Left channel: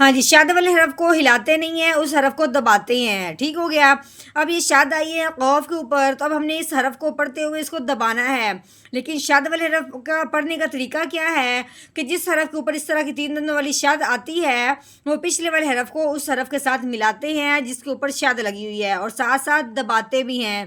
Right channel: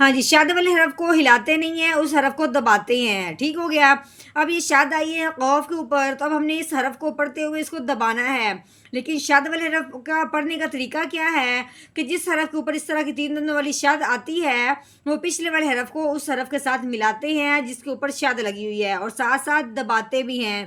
ہاں جی، شد والے حرف کو ہلاتے نہیں ہیں، اس حرف کو دباتے ہیں، ٹھیک ہو گیا۔ اب یہ شد آئی ہے قوف کے اوپر، تو اب ہم نے اس حرف کو پڑھتے ہوئے اس کو دبانا ہے، لیکن شد والے حرف کا پڑھنے کا طریقہ کیا ہے کہ جس حرف کے اوپر اس طرح کی تین دندوں والی شد آتی ہے، وہ پچھلے والے حرف کو اس حرف کے ساتھ ملاتے ہیں جس کے اوپر شد لگی ہوئی ہے، اور ساتھ ساتھ دباتے بھی ہیں،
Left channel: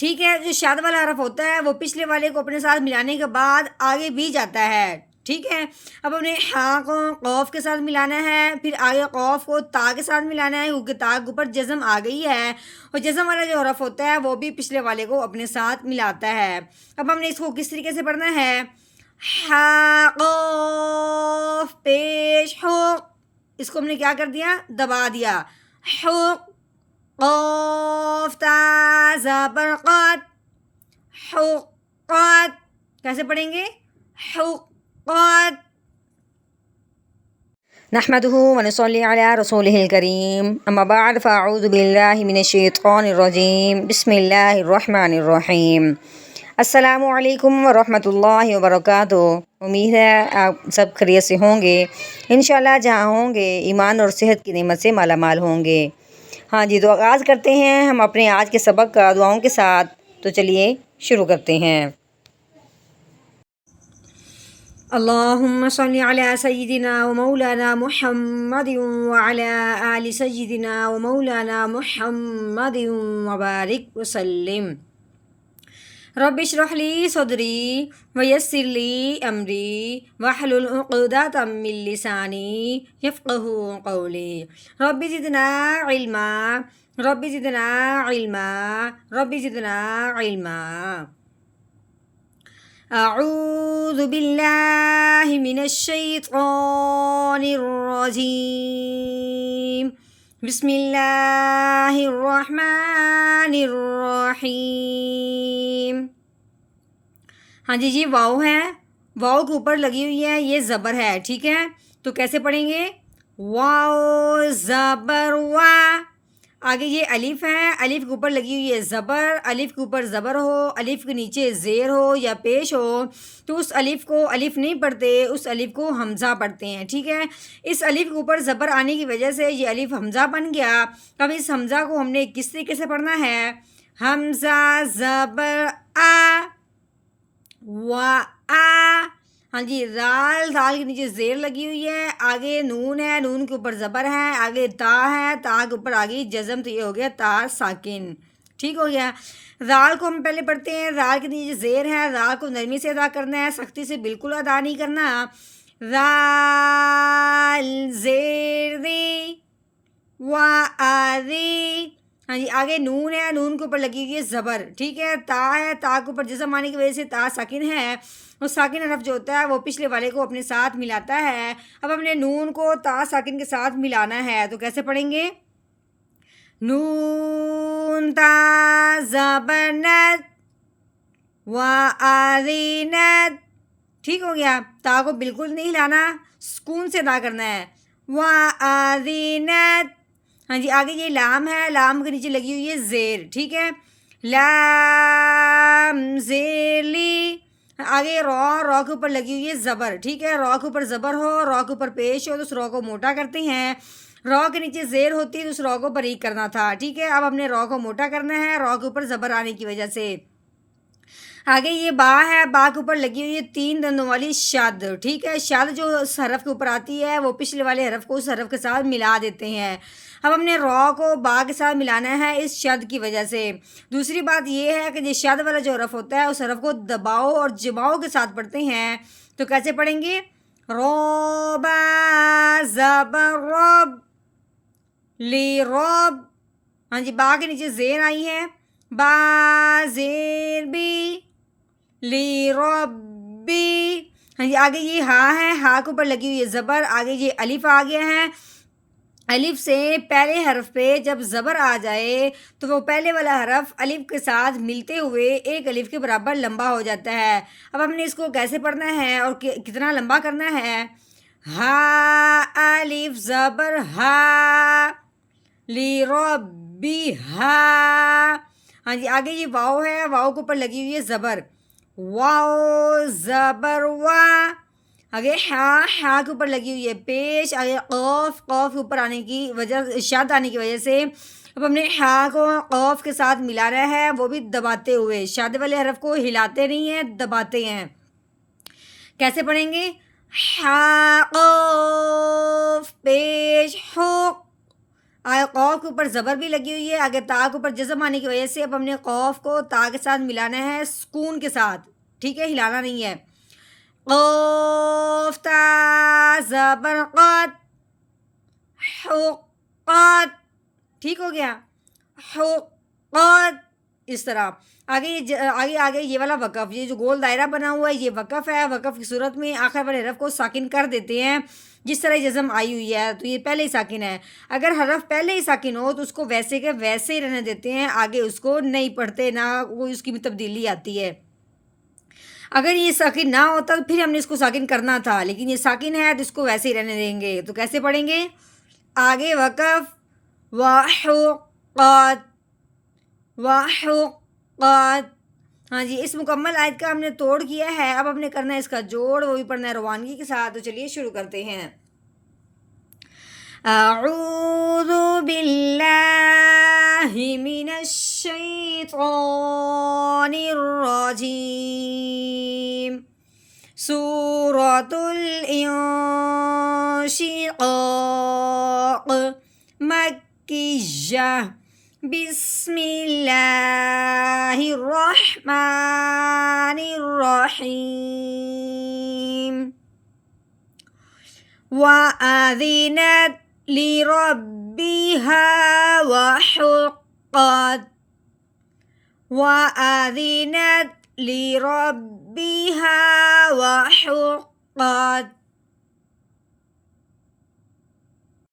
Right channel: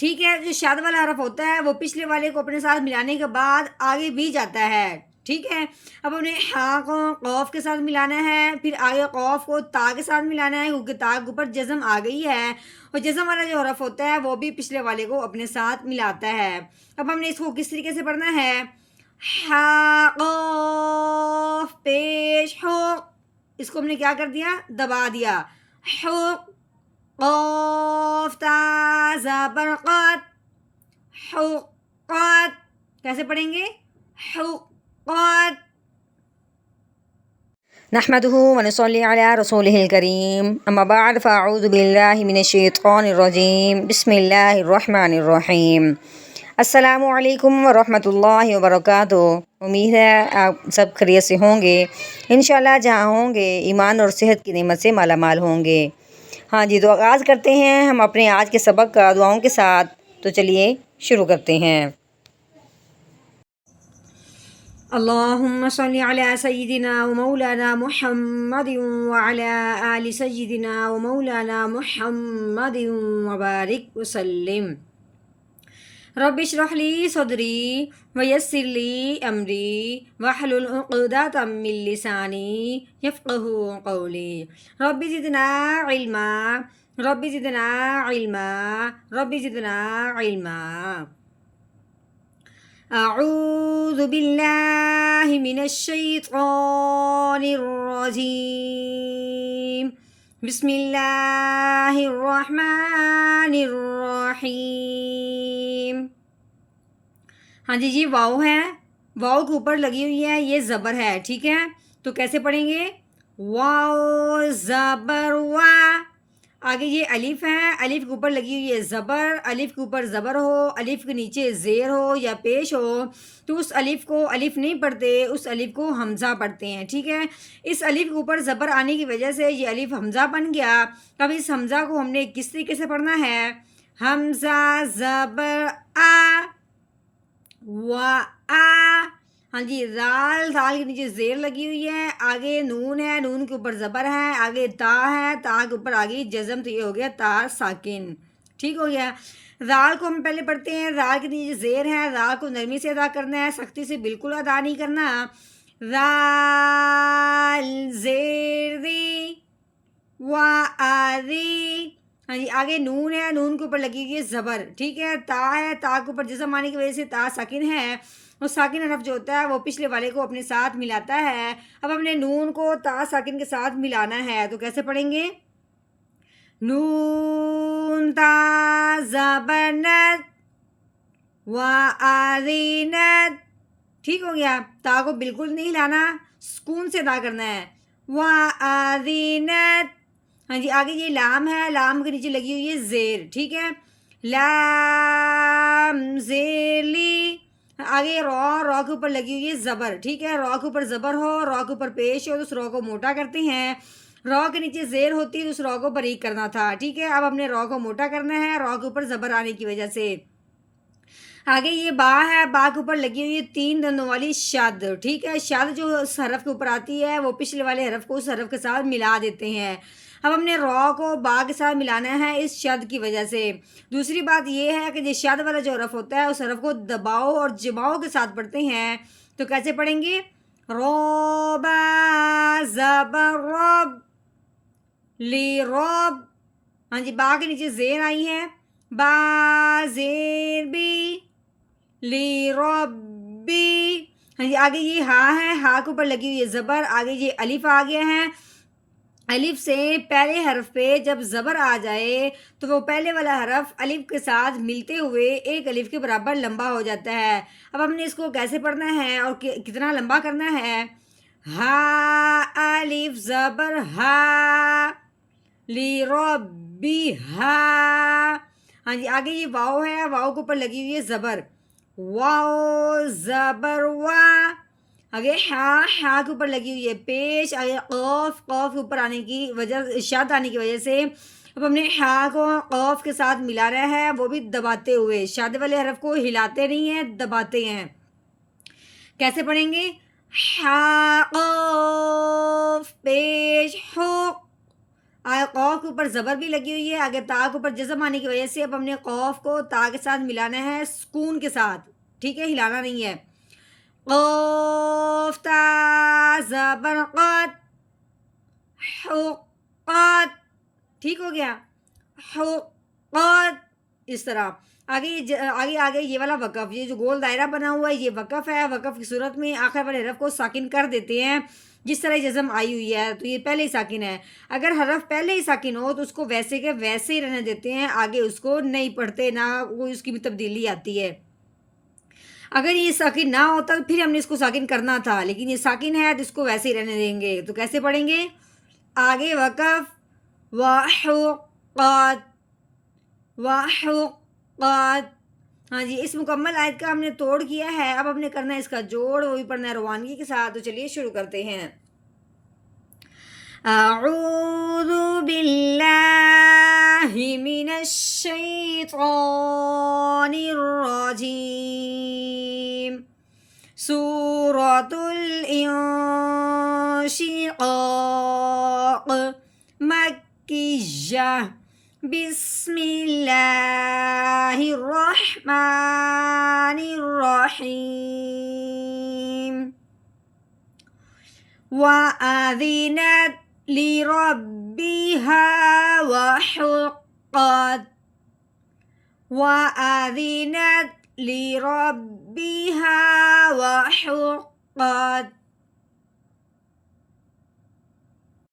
ٹھیک ہے۔ جو شاد والا حرف ہوتا ہے وہ پچھلے والے کو اپنے ساتھ ملانے کے بعد آگے بھی جاتا ہے، ٹھیک ہے۔ اب ہم نے ہاں کو قوف کے ساتھ ملانا ہے، پھر آگے قوف کو تا کے ساتھ ملانا ہے کیونکہ تا کے اوپر جزم آ گئی ہے، اور جزم والا جو حرف ہوتا ہے وہ بھی پچھلے والے کو اپنے ساتھ ملاتا ہے۔ اب ہم نے اس کو کس طریقے سے پڑھنا ہے؟ ہا قوف پیش حق، اس کو ہم نے کیا کر دیا؟ دبا دیا۔ حق قاف تا زبر قات، حقات، کیسے پڑھیں گے؟ حقات۔ نحمده ونصلي على رسوله الكريم اما بعد فاعوذ بالله من الشیطان الرجیم بسم اللہ الرحمن الرحیم۔ السلام علیکم ورحمۃ اللہ وبرکاتہ۔ امید ہے آپ سب خیریت سے ہوں گے، انشاءاللہ جہاں ہوں گے ایمان اور صحت کی نعمت سے مالا مال ہوں گے۔ ہاں جی، تو آغاز کرتے ہیں ہم اپنے آج کے سبق کا دعاؤں کے ساتھ، تو چلیے شروع کرتے ہیں۔ اللهم صل على سيدنا ومولانا محمد وعلى آل سيدنا ومولانا محمد وبارك وسلم۔ رب اشرح لي صدري ويسر لي أمري واحلل عقدة من لساني يفقهوا قولي رب زدنا علما رب زدنا علما رب زدنا علما۔ اعوذ باللہ من الشیطان الرجیم بسم اللہ الرحمن الرحیم۔ ہاں جی واؤ ہے، واؤ کے اوپر لگی ہوئی ہے، یہ زبر ہے، ٹھیک ہے۔ تو کیسے پڑھیں گے؟ واؤ زبر وا، آگے یہ الف ہے، الف کے اوپر لگی ہوئی ہے زبر، الف کے اوپر زبر ہو، الف کے نیچے زیر ہو یا پیش ہو تو اس الف کو الف نہیں پڑھتے، اس الف کو حمزہ پڑھتے ہیں، ٹھیک ہے۔ اس الف کے اوپر زبر آنے کی وجہ سے یہ الف حمزہ بن گیا۔ اب اس حمزہ کو ہم نے کس طریقے سے پڑھنا ہے؟ حمزہ زبر آ و آ، ہاں جی، رال، رال کے نیچے زیر لگی ہوئی ہے، آگے نون ہے، نون کے اوپر زبر ہے، آگے تا ہے، تا کے اوپر آگے جزم، تو یہ ہو گیا تا ساکن، ٹھیک ہو گیا۔ رال کو ہم پہلے پڑھتے ہیں، رال کے نیچے زیر ہے، رال کو نرمی سے ادا کرنا ہے، سختی سے بالکل ادا نہیں کرنا۔ رال زیر ری و آری، ہاں جی، آگے نون ہے، نون کے اوپر لگی ہوئی ہے زبر، ٹھیک ہے۔ تا ہے، تا کے اوپر جزم آنے کی وجہ سے تا ساکن ہے، اور ساکن حرف جو ہوتا ہے وہ پچھلے والے کو اپنے ساتھ ملاتا ہے۔ اب ہم نے نون کو تا ساکن کے ساتھ ملانا ہے، تو کیسے پڑھیں گے؟ نون تا زبر نت و آرینت، ٹھیک ہو گیا۔ تا کو بالکل نہیں ہلانا، سکون سے ادا کرنا ہے، و آرینت۔ ہاں جی، آگے یہ لام ہے، لام کے نیچے لگی ہوئی ہے زیر، ٹھیک ہے۔ لام زیر لی، آگے رو، رو کے اوپر لگی ہوئی ہے زبر، ٹھیک ہے۔ رو کے اوپر زبر ہو، رو کے اوپر پیش ہو تو اس رو کو موٹا کرتے ہیں، رو کے نیچے زیر ہوتی ہے تو اس رو کو باریک کرنا تھا، ٹھیک ہے۔ اب ہم نے رو کو موٹا کرنا ہے، رو کے اوپر زبر آنے کی وجہ سے۔ آگے یہ با ہے، با کے اوپر لگی ہوئی ہے تین دندوں والی شد، ٹھیک ہے۔ شد جو اس حرف کے اوپر آتی ہے وہ پچھلے والے حرف کو اس حرف کے ساتھ ملا دیتے ہیں۔ اب ہم نے رو کو با کے ساتھ ملانا ہے اس شد کی وجہ سے۔ دوسری بات یہ ہے کہ یہ شد والا جو حرف ہوتا ہے اس حرف کو دباؤ اور جماؤ کے ساتھ پڑھتے ہیں، تو کیسے پڑھیں گے؟ روبا زبر رب لی رب، ہاں جی، با کے نیچے زیر آئی ہے، با زیر بی لی ربی، ہاں جی، آگے یہ ہا ہے، ہا کے اوپر لگی ہوئی ہے زبر، آگے یہ الف آ گیا ہے، الف سے پہلے حرف پہ جب زبر آ جائے تو وہ پہلے والا حرف الف کے ساتھ ملتے ہوئے ایک الف کے برابر لمبا ہو جاتا ہے۔ اب ہم نے اس کو کیسے پڑھنا ہے اور کتنا لمبا کرنا ہے؟ ہا الف زبر ہا لی ربی ہا، ہاں جی، آگے یہ واؤ ہے، واؤ کے اوپر لگی ہوئی ہے زبر، واؤ زبر وا، آگے ہا کے اوپر لگی ہوئی ہے پیش، آگے قوف کے اوپر آنے کی وجہ، شد آنے کی وجہ سے اب ہم نے ہا کو قوف کے ساتھ ملانا ہے، وہ بھی دباتے ہوئے، شد والے حرف کو ہلاتے نہیں ہیں، دباتے ہیں۔ کیسے پڑھیں گے؟ ہا قوف پیش ہو، آگے قوف کے اوپر زبر بھی لگی ہوئی ہے، آگے تا کے اوپر جزم آنے کی وجہ سے اب ہم نے قوف کو تا کے ساتھ ملانا ہے سکون کے ساتھ، ٹھیک ہے، ہلانا نہیں ہے۔ قوف تا زبر قات، حقات، ٹھیک ہو گیا، حقات، اس طرح۔ آگے یہ والا وقف، یہ جو گول دائرہ بنا ہوا ہے یہ وقف ہے، وقف کی صورت میں آخر والے حرف کو ساکن کر دیتے ہیں، جس طرح جزم آئی ہوئی ہے تو یہ پہلے ہی ساکن ہے۔ اگر حرف پہلے ہی ساکن ہو تو اس کو ویسے کے ویسے ہی رہنے دیتے ہیں، آگے اس کو نہیں پڑھتے، نہ کوئی اس کی بھی تبدیلی آتی ہے۔ اگر یہ ساکن نہ ہوتا تو پھر ہم نے اس کو ساکن کرنا تھا، لیکن یہ ساکن ہے تو اس کو ویسے ہی رہنے دیں گے۔ تو کیسے پڑھیں گے؟ آگے وقف وحقات، وحقات، ہاں جی، اس مکمل آیت کا ہم نے توڑ کیا ہے، اب ہم نے کرنا ہے اس کا جوڑ، وہ بھی پڑھنا ہے روانگی کے ساتھ۔ تو چلیے شروع کرتے ہیں۔ اعوذ باللہ من الشیطان الرجیم، سورۃ الانشقاق، مکیہ، بسم اللہ الرحمن الرحیم، وَأَذِنَتْ لِرَبِّهَا وَحُقَّتْ، وَأَذِنَتْ لِرَبِّهَا وَحُقَّتْ،